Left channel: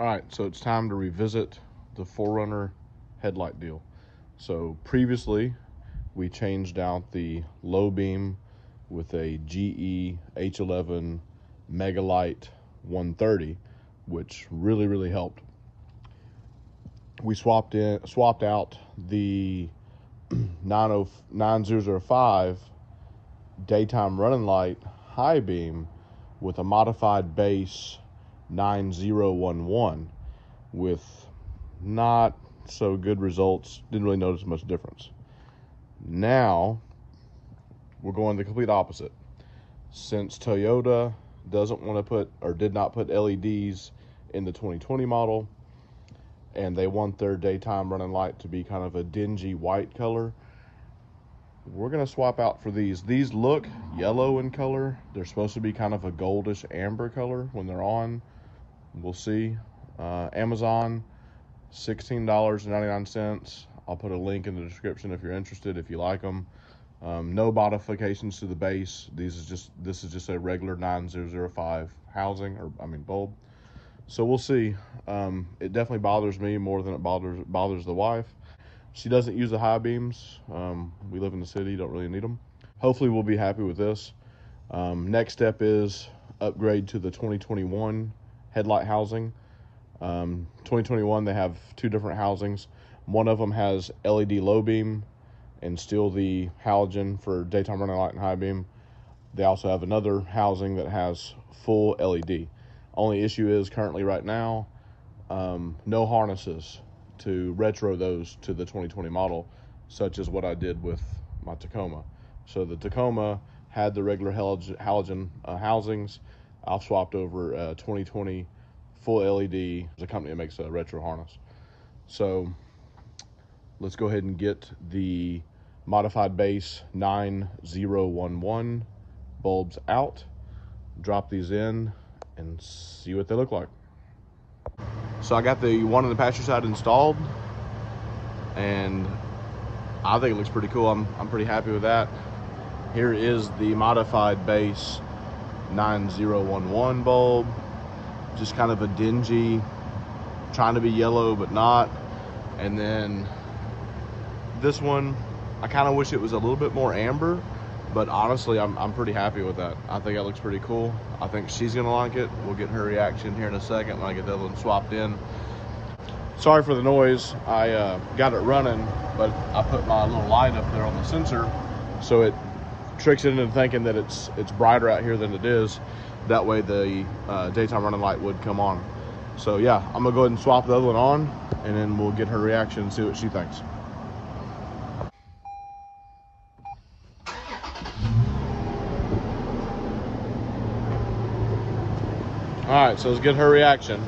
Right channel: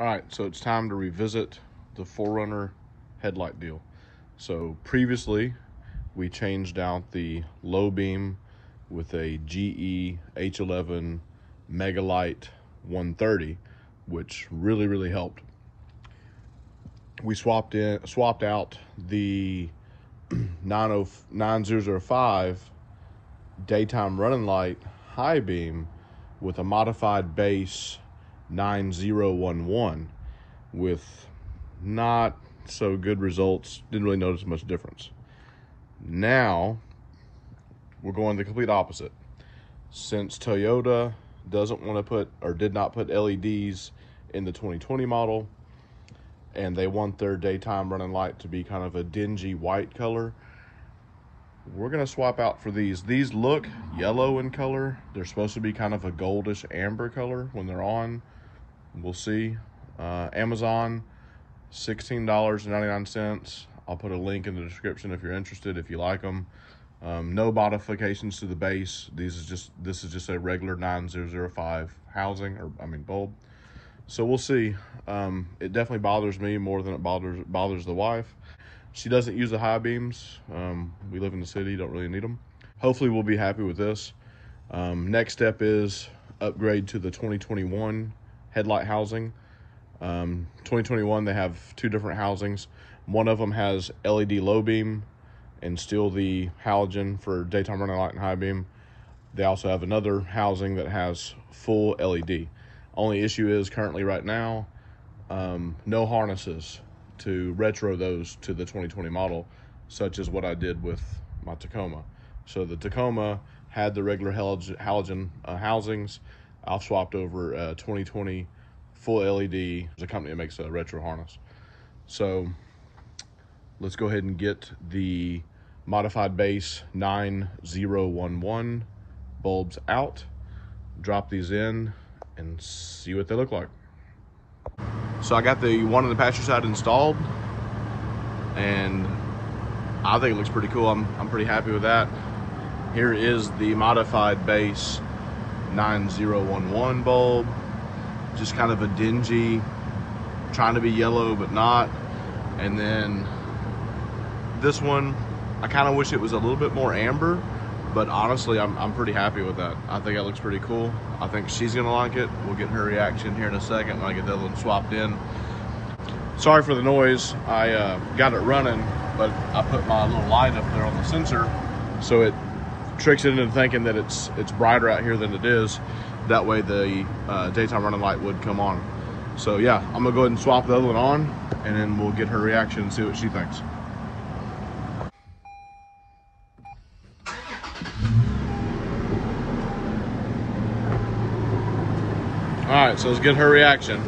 All right, so it's time to revisit the 4Runner headlight deal. So previously, we changed out the low beam with a GE H11 Megalight 130, which really helped. We swapped out the 9005 daytime running light high beam with a modified base 9011 with not so good results. Didn't really notice much difference. Now we're going the complete opposite. Since Toyota doesn't want to put, or did not put, LEDs in the 2020 model, and they want their daytime running light to be kind of a dingy white color, we're gonna swap out for these. These look yellow in color. They're supposed to be kind of a goldish amber color when they're on. We'll see. Amazon, $16.99. I'll put a link in the description if you're interested, if you like them. No modifications to the base. This is just a regular 9005 housing, or I mean bulb. So we'll see. It definitely bothers me more than it bothers the wife. She doesn't use the high beams. We live in the city, don't really need them. Hopefully we'll be happy with this. Next step is upgrade to the 2021 headlight housing. 2021, they have two different housings. One of them has LED low beam and still the halogen for daytime running light and high beam. They also have another housing that has full LED. Only issue is currently right now, no harnesses to retro those to the 2020 model, such as what I did with my Tacoma. So the Tacoma had the regular halogen housings. I've swapped over 2020 full LED. There's a company that makes a retro harness. So let's go ahead and get the modified base 9011 bulbs out, drop these in, and see what they look like. So I got the one on the passenger side installed, and I think it looks pretty cool. I'm pretty happy with that. Here is the modified base 9011 bulb. Just kind of a dingy, trying to be yellow but not. And then this one, I kind of wish it was a little bit more amber, but honestly, I'm pretty happy with that. I think it looks pretty cool. I think she's gonna like it. We'll get her reaction here in a second when I get the other one swapped in. Sorry for the noise. I got it running, but I put my little light up there on the sensor, so it tricks it into thinking that it's brighter out here than it is. That way the daytime running light would come on. So yeah, I'm gonna go ahead and swap the other one on, and then we'll get her reaction and see what she thinks. All right, so let's get her reaction.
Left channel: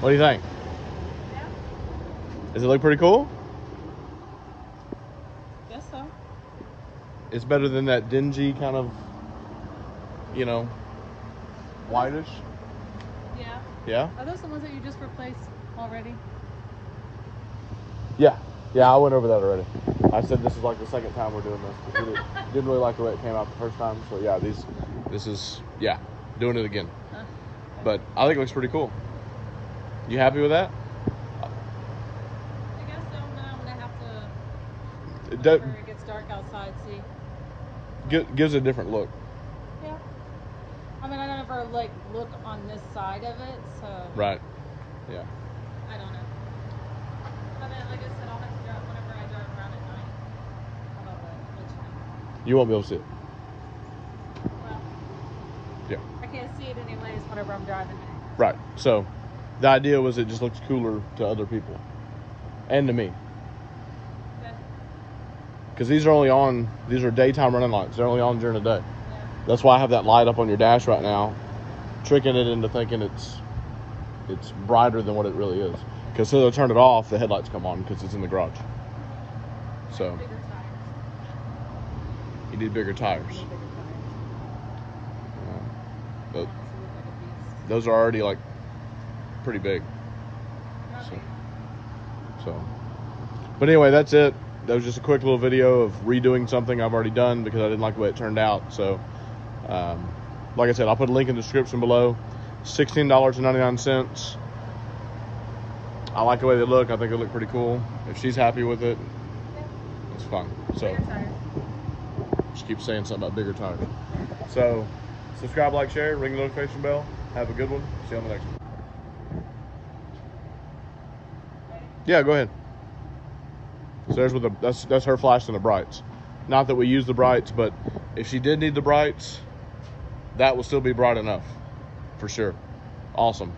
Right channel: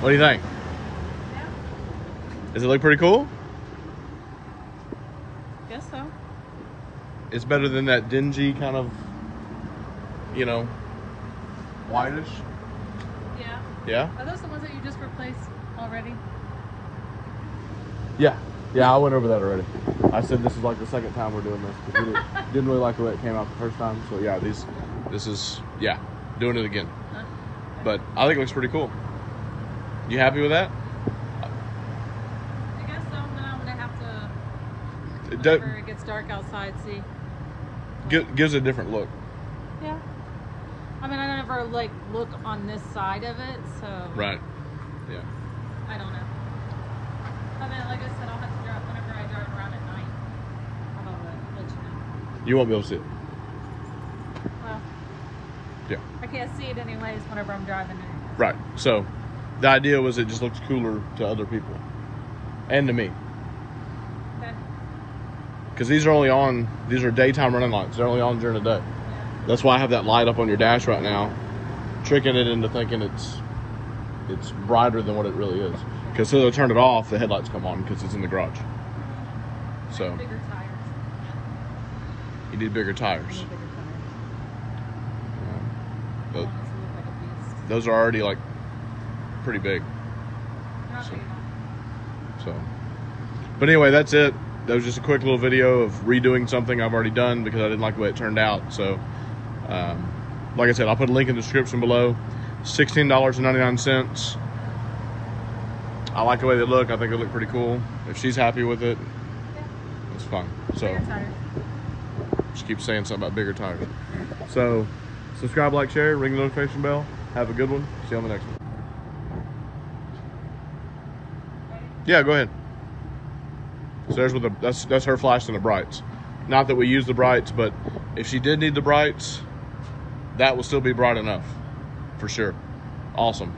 What do you think? Yeah. Does it look pretty cool? Guess so. It's better than that dingy kind of, you know, whitish. Yeah. Yeah? Are those the ones that you just replaced already? Yeah. Yeah, I went over that already. I said this is like the second time we're doing this, because we didn't really like the way it came out the first time. So yeah, this is, yeah, doing it again. But I think it looks pretty cool. You happy with that? I guess so, but I'm gonna have to, It whenever it gets dark outside, see. gives a different look. Yeah. I mean, I never like look on this side of it, so. Right. Yeah. I don't know. But then, like I said, I'll have to drive whenever I drive around at night. I'll let you know. You won't be able to see it. Well, Yeah. I can't see it anyways whenever I'm driving. Right. So the idea was it just looks cooler to other people and to me. Okay. Because these are daytime running lights. They're only on during the day. Yeah. That's why I have that light up on your dash right now, tricking it into thinking it's brighter than what it really is. Because so they'll turn it off, the headlights come on because it's in the garage. So Bigger tires. you need bigger I tires. need bigger tires. But those are already like pretty big. So, but anyway, that's it. That was just a quick little video of redoing something I've already done because I didn't like the way it turned out. So, like I said, I'll put a link in the description below. $16.99. I like the way they look. I think they look pretty cool. If she's happy with it, Yeah. it's fun. So Bigger tires. just keep saying something about bigger tires. So subscribe, like, share, ring the notification bell. Have a good one. See you on the next one. Yeah, go ahead. So there's with the, that's her flashing the brights. Not that we use the brights, but if she did need the brights, that will still be bright enough, for sure. Awesome.